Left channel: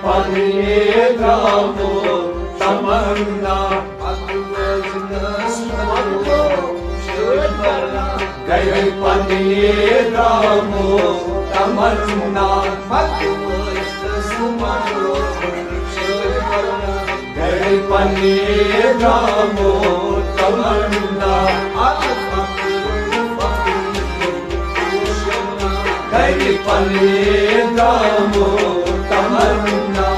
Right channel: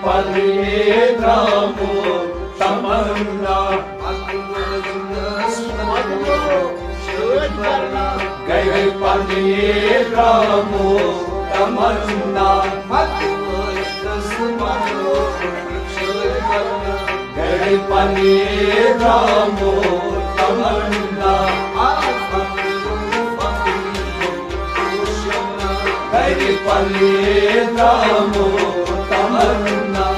Paniye Ramo Tamanna Gai Paniye Ramo Tamanna Gai Paniye Ramo Tamanna Gai Paniye Ramo Tamanna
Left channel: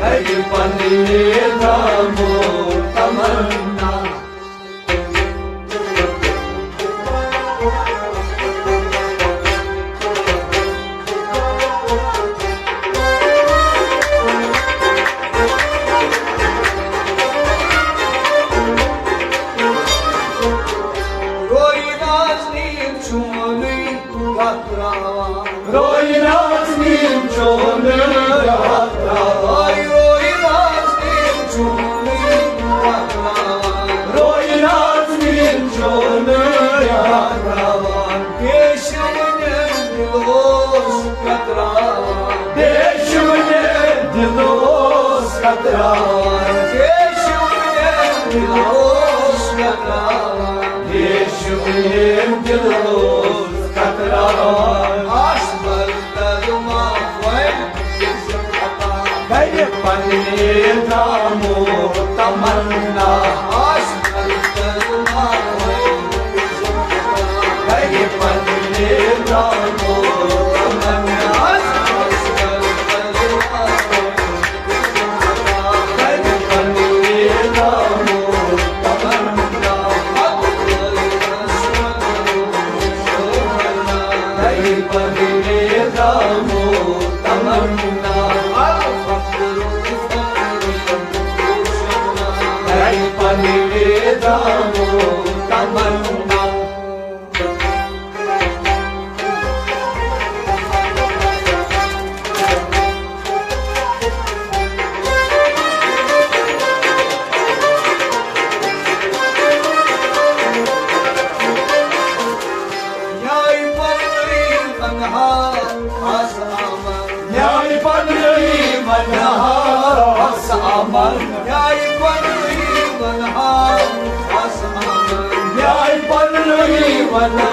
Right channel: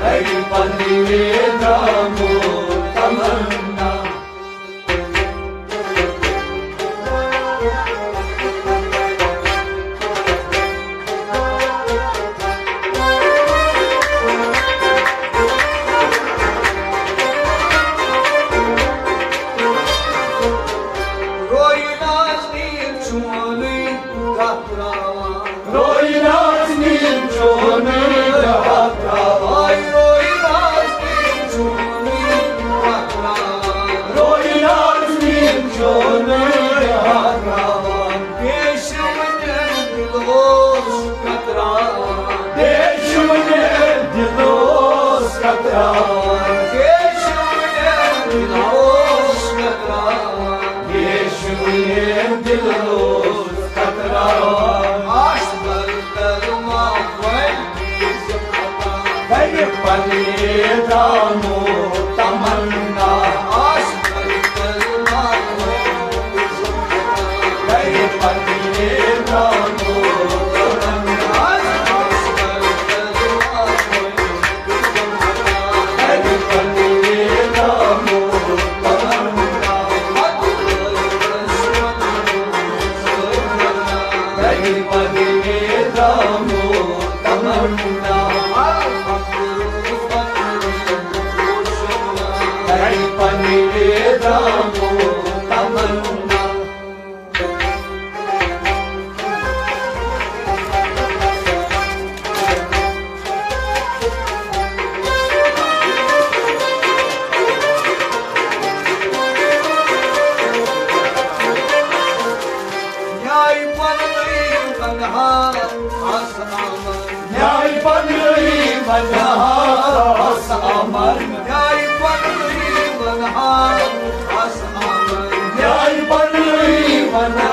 Gai Paniye Ramo Tamanna Roy Nazmin Choni Gatrawa Roy Nazmin Choni Gatrawa Roy Nazmin Choni Gatrawa Deshumne Dilos Gatrawa Deshumne Dilos Gatrawa Deshumne Dilos Gatrawa Deshumne Dilos Gatrawa Gai Paniye Ramo Tamanna Gai Paniye Ramo Tamanna Gai Paniye Ramo Tamanna Gai Paniye Ramo Tamanna Gai Paniye Ramo Tamanna Nyai Panri Manha Asaman Nyai Panri Manha Asaman Nyai Panri Manha Asaman Nyai Panri Manha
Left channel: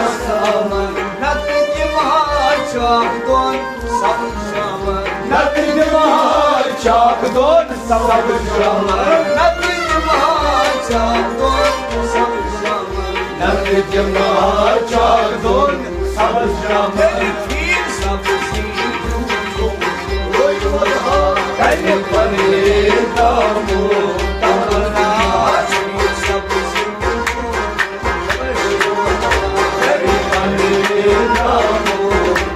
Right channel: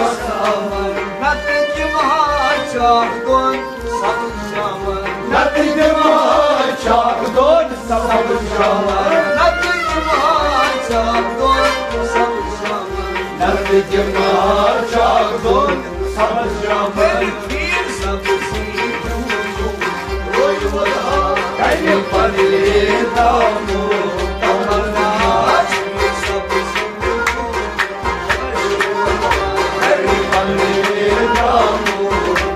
Asaman Natki Mahachakdon Sab Shaman Natki Mahachakdon Sab Shaman Natki Mahachakdon Sab Shaman Natki Mahachakdon Sab Shaman Phir Sab Sidu Roy Wala Gai Paniye Ramo Tamanna Phir Sab Sidu Gai Paniye Ramo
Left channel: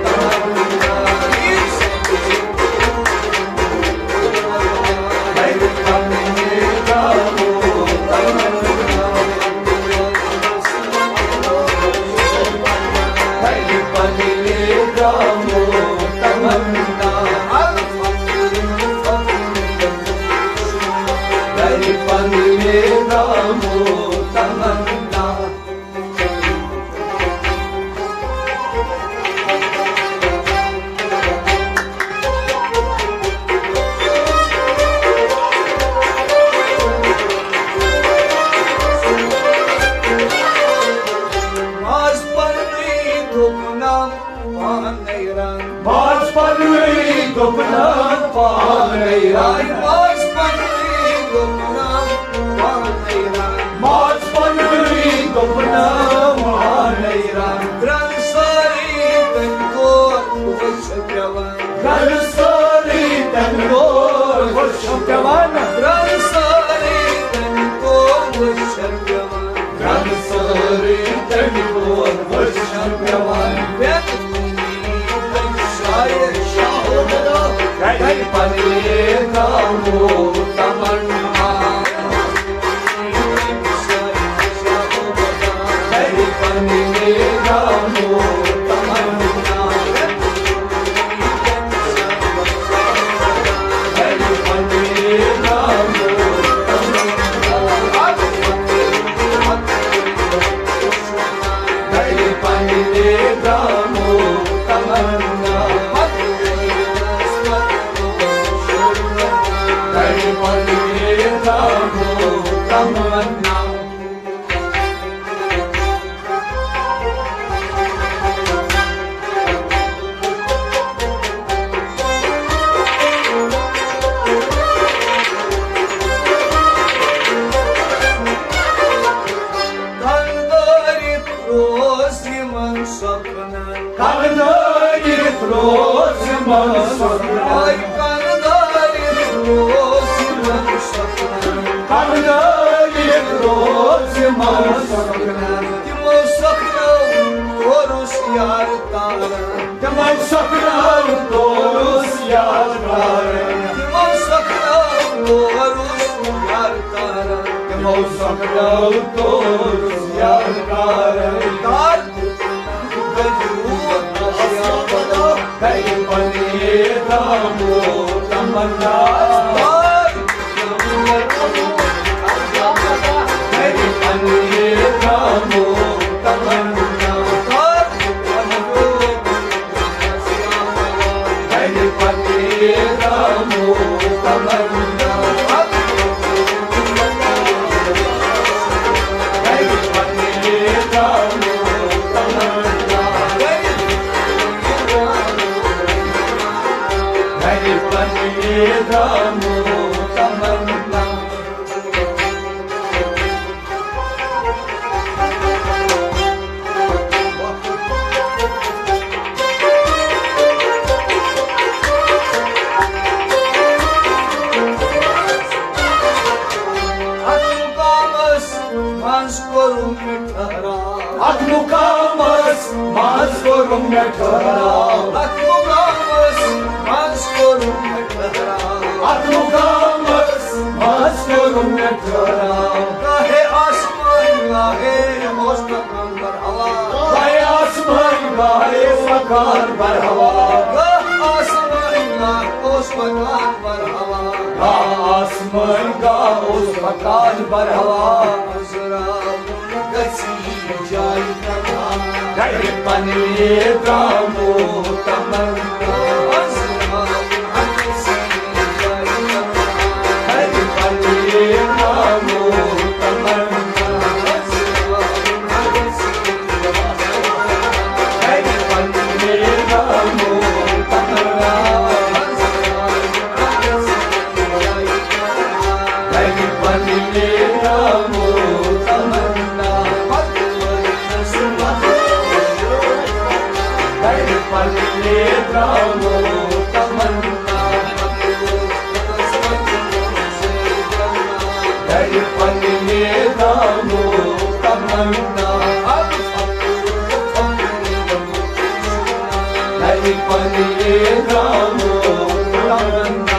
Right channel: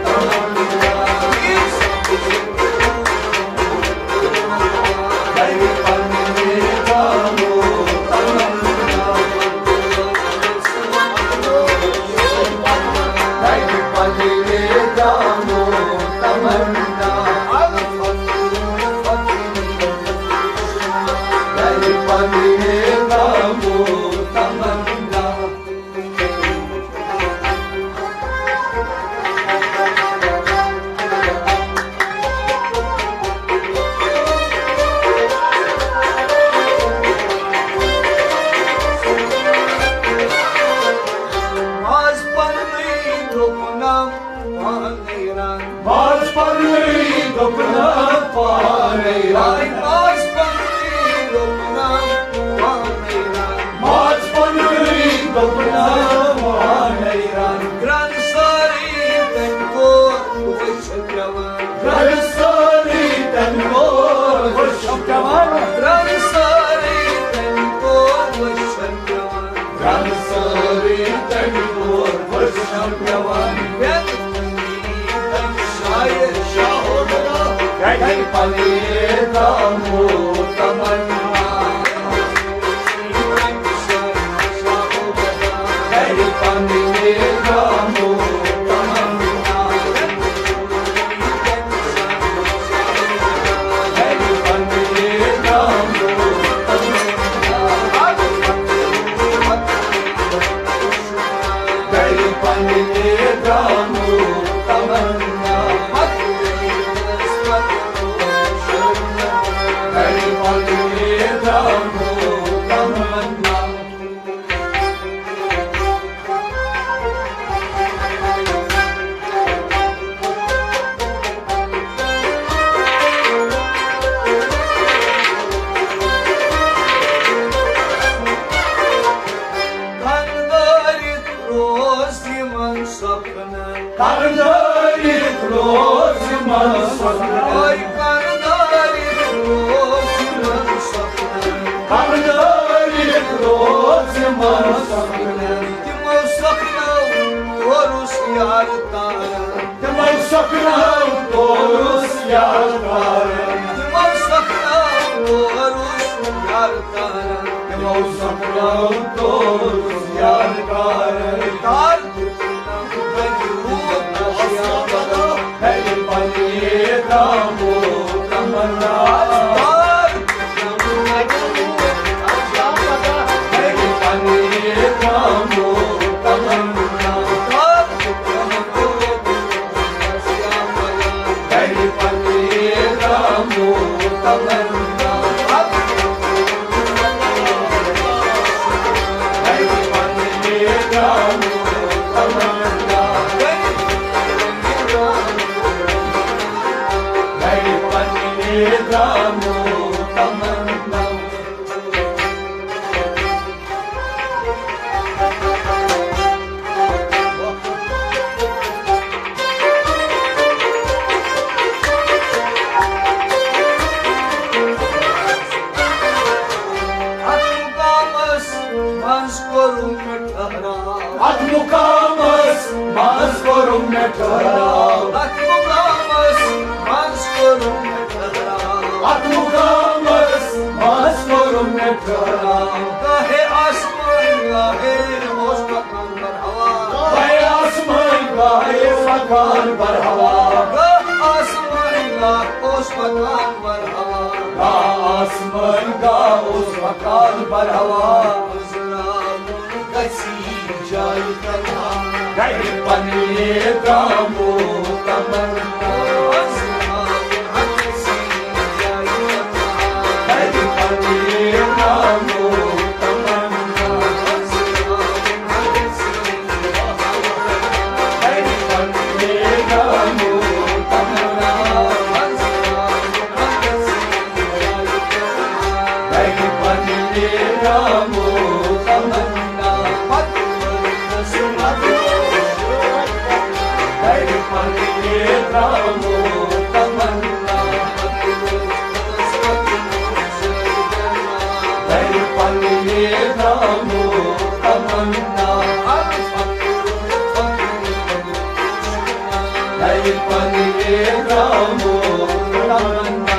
Tamanna Phir Sab Sidu Gai Paniye Ramo Tamanna Gai Paniye Ramo Tamanna Gai Paniye Ramo Tamanna Mas Panri Duknam Panairan Mas Panri Duknam Panairan Mas Panri Duknam Panairan Mas Panri Duknam Panairan Gran Sari Tengkor Vishwajavan Gran Sari Tengkor Vishwajavan Gran Sari Tengkor Vishwajavan Gran Sari Tengkor Vishwajavan Gai Paniye Ramo Tamanna Gai Paniye Ramo Tamanna roziman sakna. Ay kardarim roziman sakna. Kardarim roziman sakna. Timo sakna torus yar tara. Timo sakna torus yar tara. Timo sakna torus yar tara. Timo sakna torus yar tara. Tar Atmukamas maskorum metara. Atmukamas maskorum metara. Atmukamas maskorum metara. Gahe asman gahe osmakan bar hava. Gahe asman gahe osmakan bar hava. Gahe asman gahe osmakan bar hava. Gahe asman gahe osmakan bar hava. Jai Tama, Jai Pani Tamu Tamanna, Aslam Hansi Jai Tama, Jai Pani Tamu Tamanna, Aslam Hansi Jai Pani Tamu Tamanna, Aslam Hansi Jai Tama, Jai Pani Tamu Tamanna. Jai Pani Tamu Tamanna, Jai Pani Tamu Tamanna, Jai Pani Tamu Tamanna.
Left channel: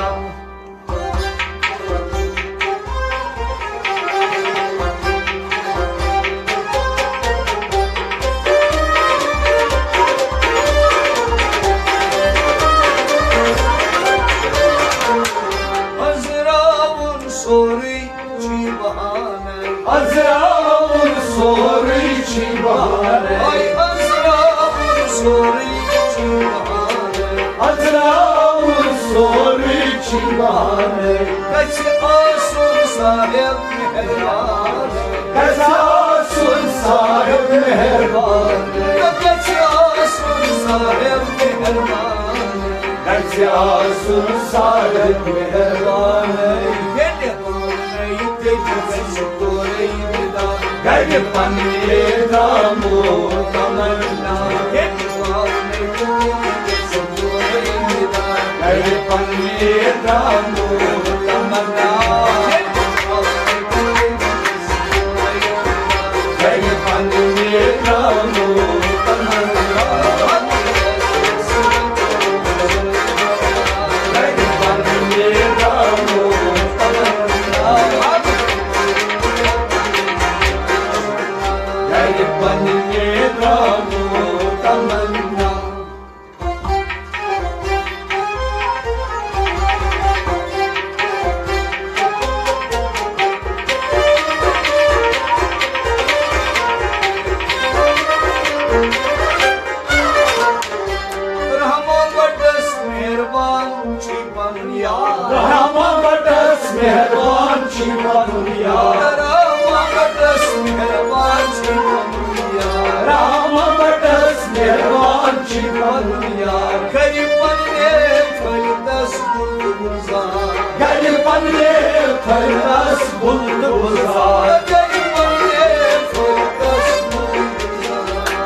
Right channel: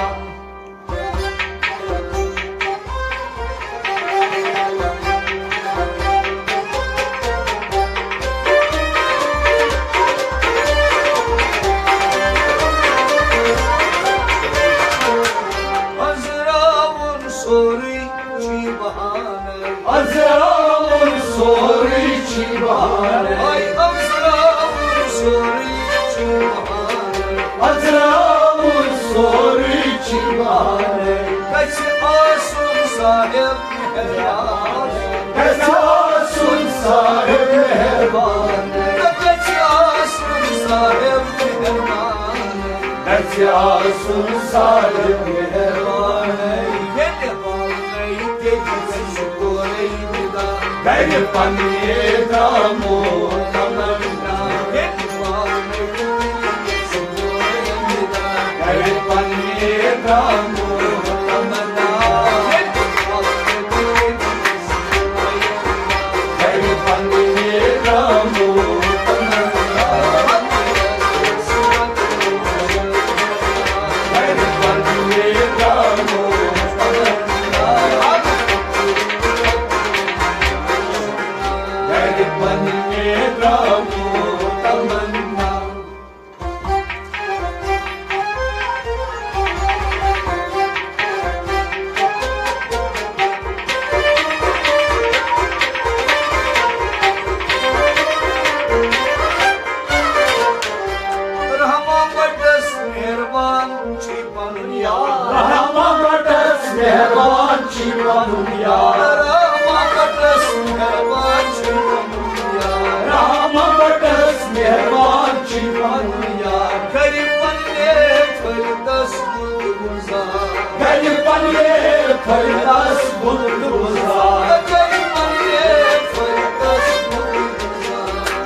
Azraun sori chibane, ay Azraun sori chibane, Azraun sori chibane. Kaç asun sahip meherban, kaç asun sahip meherban, kaç asun sahip meherban, kaç asun sahip meherban. Jai Pani Tamu Tamanna, Jai Pani Tamu Tamanna, Jai Pani Tamu Tamanna, Jai Pani Tamu Tamanna. Rahma badas meherban chipanuya, Rahma badas meherban chipanuya, Rahma badas meherban chipanuya, Rahma badas meherban chipanuya. Gariban ne faldas bulduza, Gariban ne faldas bulduza, Gariban ne faldas bulduza,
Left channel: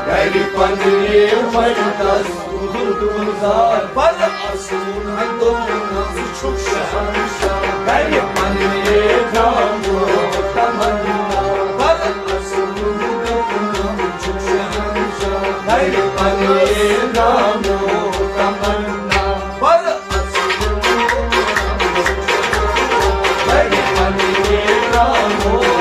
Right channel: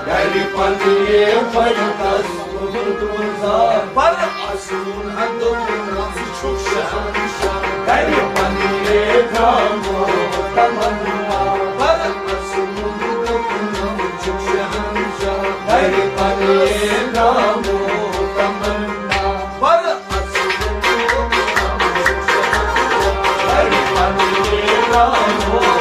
Gariban ne faldas bulduza. zar Par asun hadonam çok şanşan Garibanliye kamu tamanna Par asun hadonam çok şanşan Garibanliye kamu tamanna Par asun hadonam çok şanşan Garibanliye kamu